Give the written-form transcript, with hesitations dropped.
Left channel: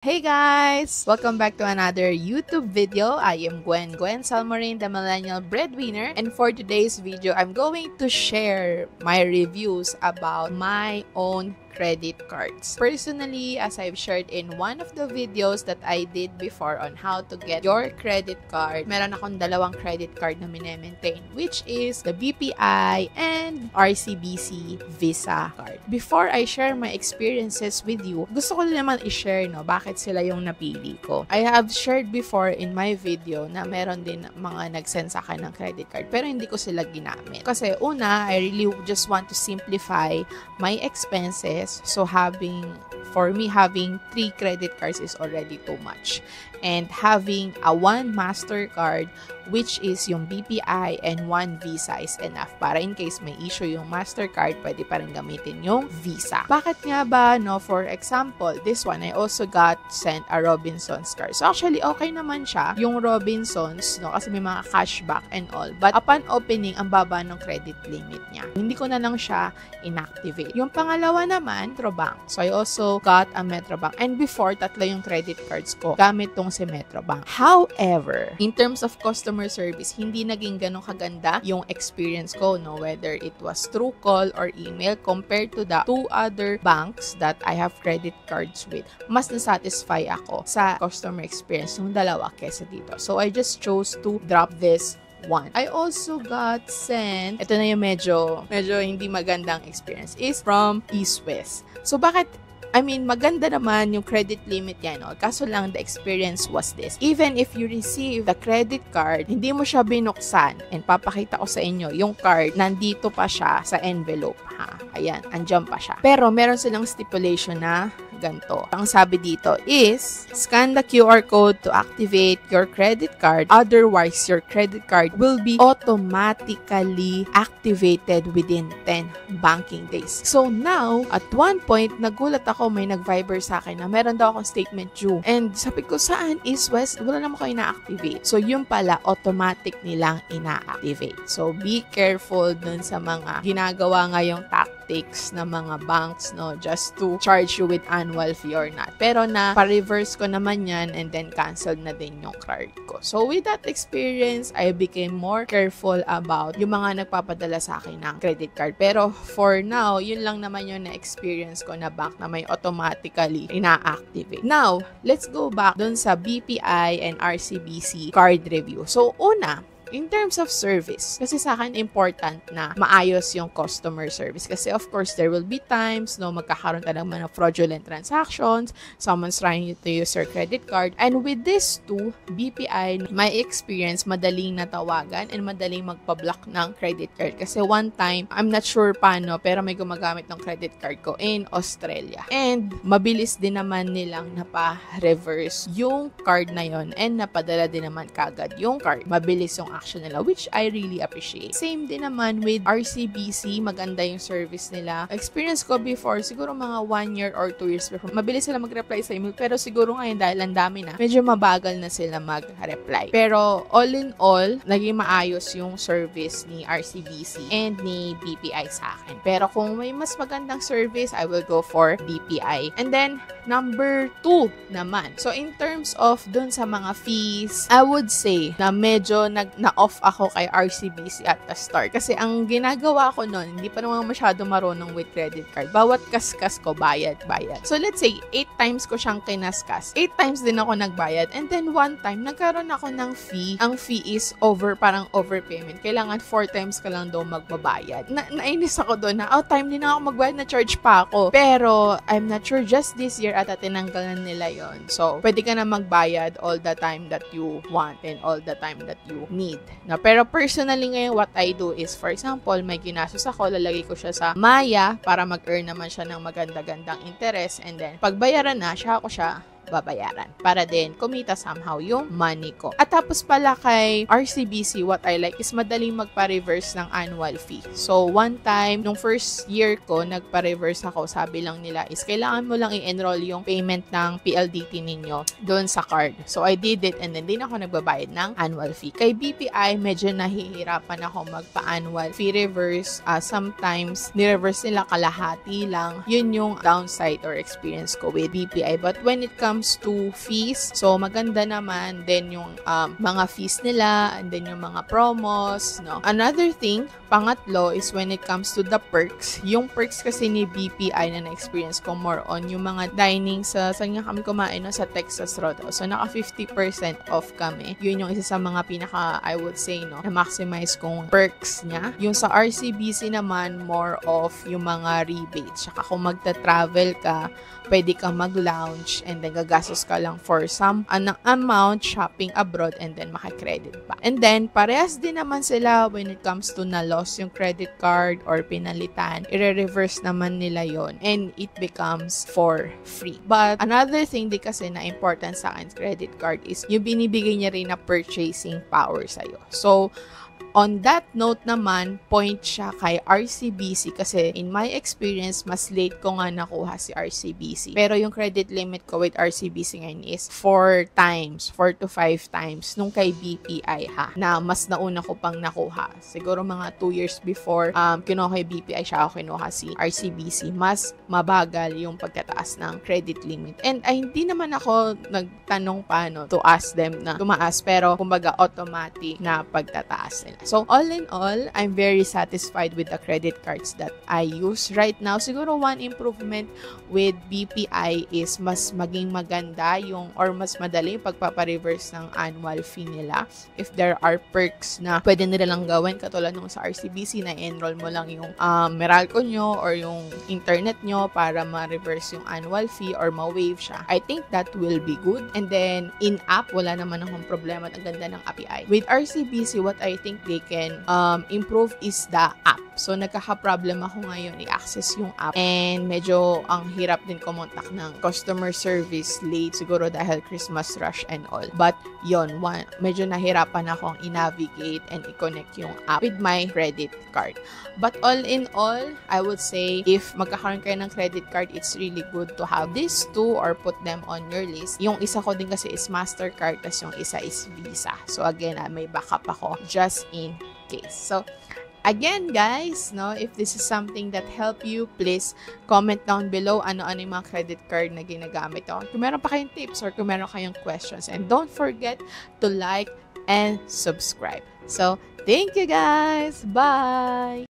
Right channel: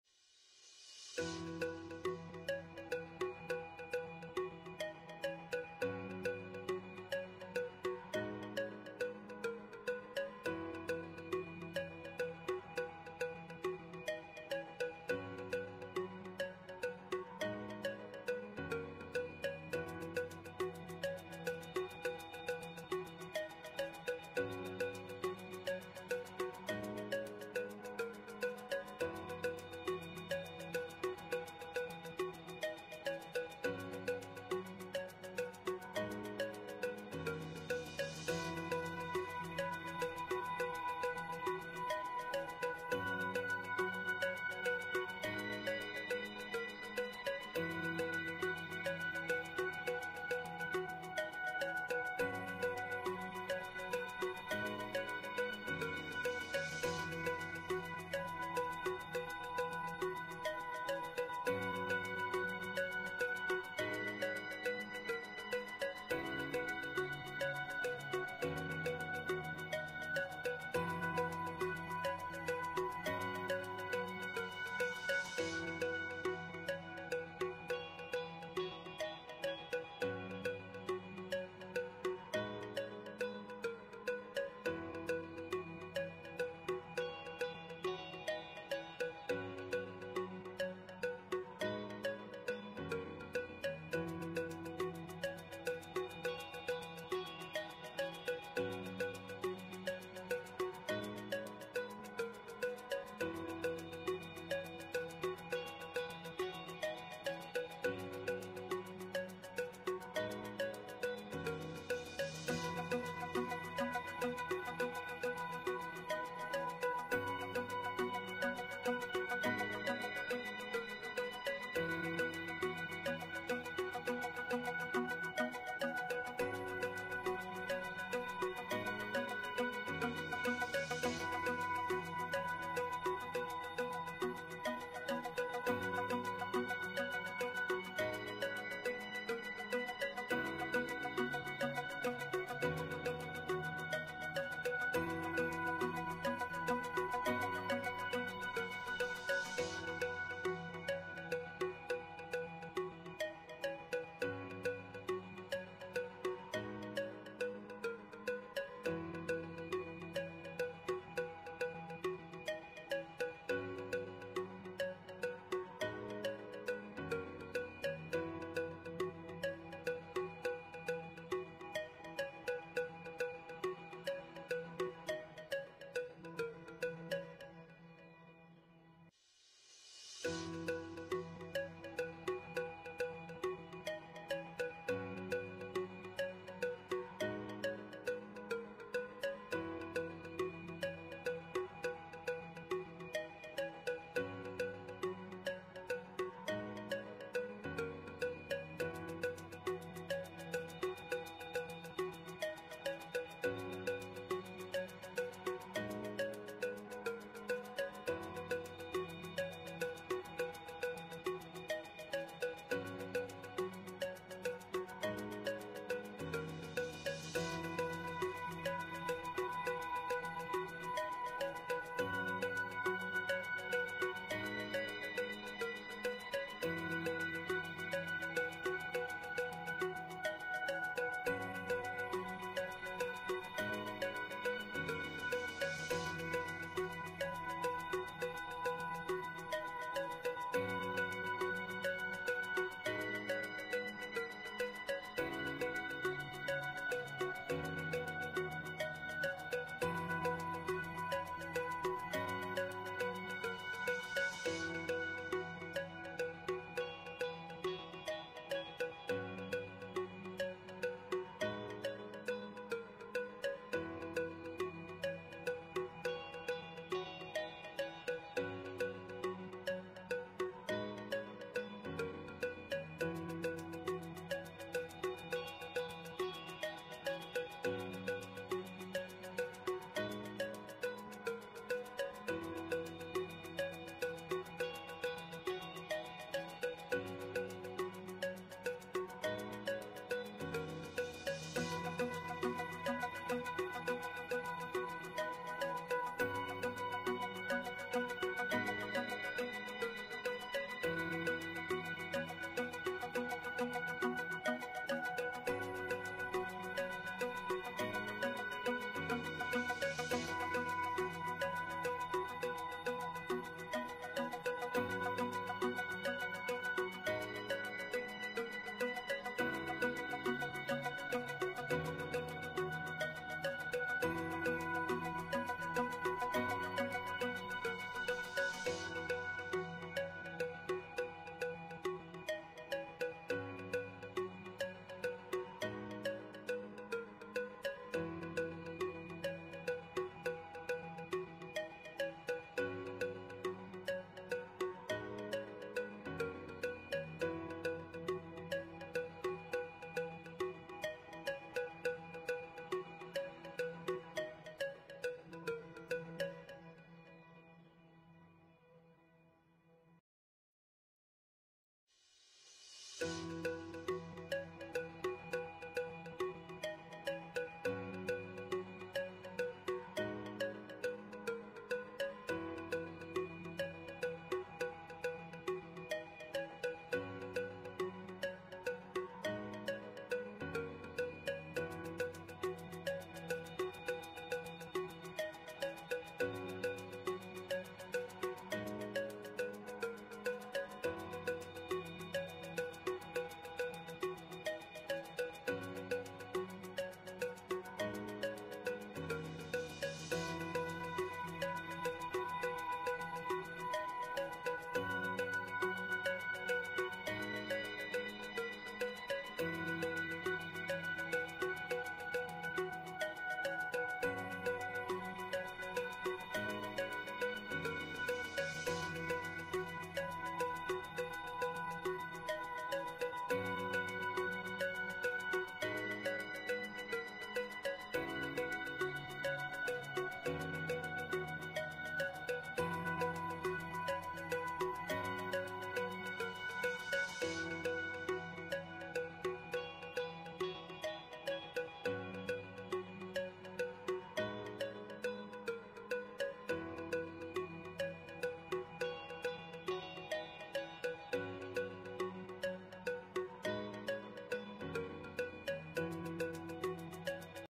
Hey guys! Welcome back to another YouTube video. I am Gwen Salmorin, the Millennial Breadwinner. And for today's video, I'm going to share my reviews about my own credit cards. Personally, as I've shared in one of the videos that I did before on how to get your credit card, meron akong dalawang credit card na minemaintain, which is the BPI and RCBC Visa card. Before I share my experiences with you, gusto ko naman i-share bakit sila yung napili ko. I have shared before in my video na meron din mga nag-send sa akin ng credit card pero hindi ko sila ginamit. Kasi una, I really just want to simplify my expenses. So for me, having 3 credit cards is already too much. And having a 1 MasterCard, which is yung BPI and 1 Visa is enough. Para in case may issue yung MasterCard, pwede pa rin gamitin yung Visa. Bakit nga ba, For example, this one, I also got sent a Robinsons card. So actually, okay naman siya, yung Robinsons, kasi may mga cashback and all. But upon opening, ang baba ng credit limit niya. Hindi ko na lang siya inactivate. Yung pangalawa naman, Metrobank. So I also got a Metrobank. And before, 3 yung credit cards ko. Gamit tong si Metrobank. However, in terms of customer service, hindi naging ganun kaganda yung experience ko, whether it was through call or email compared to the 2 other banks that I have credit cards with. Mas na-satisfy ako sa customer experience ng dalawa kesa dito. So I just chose to drop this one. I also got sent, ito na yung medyo hindi magandang experience, is from eSwiss. So bakit maganda naman yung credit limit yan, kaso lang the experience was this. Even if you receive the credit card, hindi mo siya binuksan, and papakita ko sa inyo, yung card, nandito pa siya sa envelope, Ayan, andyan pa siya. Pero meron silang stipulation na ganito. Ang sabi dito is, scan the QR code to activate your credit card. Otherwise, your credit card will be automatically activated within 10 banking days. So now, at one point, nagulat ako, may nag-Viber sa akin na meron daw akong statement due. And sabi ko, saan is West? Wala naman ko ina-activate. So yun pala, automatic nilang ina-activate. So be careful dun sa mga ginagawa ngayong tactics ng mga banks, just to charge you with annual fee or not. Pero na pa-reverse ko naman yan and then canceled na din yung card ko. So with that experience, I became more careful about yung mga nagpapadala sa akin ng credit card. Pero for now, yun lang naman yung na-experience ko na bank na may automatically ina-activate. Now, let's go back dun sa BPI and RCBC card review. So una, in terms of service, kasi sa akin important na maayos yung customer service. Kasi of course, there will be times, magkakaroon ka naman ng fraudulent transactions, someone's trying to use your credit card. And with this too, BPI, my experience, madaling natawagan and madaling magpa-block ng credit card. Kasi one time, I'm not sure paano, pero may gumagamit ng credit card ko in Australia. And mabilis din naman nilang napa-reverse yung card na yon and napadala din naman kagad yung card. Mabilis yung action nila, which I really appreciate. Same din naman with RCBC, maganda yung service nila. Experience ko before, siguro mga 1 year or 2 years before, mabilis sila mag-reply sa email, pero siguro ngayon dahil ang dami na, medyo mabagal na sila mag-reply. Pero all in all, naging maayos yung service ni RCBC and ni BPI sa akin. Pero kung may mas magandang service, I will go for BPI. And then, number 2 naman. So, in terms of dun sa mga fees, I would say na medyo na-off ako kay RCBC at the start. Kasi ang ginagawa ko nun, hindi pa naman masyado marunong with credit card. Bawat kaskas ko, bayad. So let's say, 8 times ko siyang kinaskas. 8 times din ako nagbayad. And then one time, nagkaroon ako ng fee. Ang fee is parang overpayment. Kailangan 4 times ka lang daw magbabayad. Nainis ako doon na, time din ako magbayad, na-charge pa ako. Pero, I'm not sure, just this year ata tinanggalan nila yon. So, pwede ka na magbayad all the time that you want and all the time that you need. Pero personally ngayon, what I do is, for example, may ginastos ako, lalagay ko siya sa Maya para mag-earn naman siya ng maganda-gandang interest, and then pagbayaran na, siya babayaran para din kumita somehow yung money ko. At tapos pala kay RCBC, what I like is madaling magpa-reverse ng annual fee. So, one time, nung first year ko, nagpa-reverse ako, sabi lang nila is kailangan mo lang i-enroll yung payment ng PLDT ninyo doon sa card. So, I did it and then din ako nagbabayad ng annual fee. Kay BPI, medyo nahihirapan ako magpa-annual fee reverse. Sometimes, ni-reverse nila kalahati lang. Yun yung downside or experience ko with BPI. But when it comes comes to fees, so maganda naman din yung mga fees nila, and then yung mga promos, no? Another thing, pangatlo, is when it comes to the perks. Yung perks kasi ni BPI na na-experience ko more on yung mga dining saan nga kami kumain, no? Sa Texas Roadhouse. So, naka 50% off kami. Yun yung isa sa mga pinaka, I would say, no, na maximize kong perks niya. Yung sa RCBC naman, more of yung mga rebates. Saka kung magta-travel ka, pwede kang mag-lounge and then gagastos ka lang for some amount shopping abroad and then makikredit pa. And then, parehas din naman sila when it comes to na-loss yung credit card or pinalitan. I-reverse naman nila yon and it becomes for free. But another thing di kasi na important sa akin credit card is yung binibigay niya rin na purchasing power sa'yo. So, on that note naman, point siya kay RCBC kasi in my experience, mas late ko nga nakuha si RCBC. Pero yung credit limit ko with RCBC ngayon is 4 to 5 times nung kay BPI ha, na mas nauna ko pang nakuha. Siguro mga 2 years before kinuha kay BPI siya ako kinuha si RCBC. Mas mabagal yung pagkataas ng credit limit. And hindi naman ako nagtanong paano to ask them na tumaas, pero kumbaga automatic na pagtataas nila. So, all in all, I'm very satisfied with the credit cards that I use right now. Siguro one improvement with BPI is mas maging maganda yung or mas madali yung pagpapareverse ng annual fee nila. If there are perks na pwede nila lang gawin katulad nung sa RCBC na enroll mo lang yung Meralco nyo or yung internet nyo para ma-reverse yung annual fee or ma-waive siya. I think that will be good. And then, in-app, wala naman akong problema at ang ganda ng API. With RCBC, what I think they can improve is the app. So, nagkaka-problem ako ngayon i-access yung app and medyo ang hirap din kumontak ng customer service late siguro dahil Christmas rush and all. But, yon, medyo nahirapan akong i-navigate and i-connect yung app with my credit card. But all in all, I would say if magkakaroon kayo ng credit card, it's really good to have these two or put them on your list. Yung isa ko din kasi is MasterCard, tas yung isa is Visa. So, again, may backup ako just in case. So, again guys, no, if this is something that help you, please comment down below ano-ano yung mga credit card na ginagamit ko. Kung meron pa kayong tips or kung meron kayong questions. And don't forget to like and subscribe. So, thank you guys! Bye!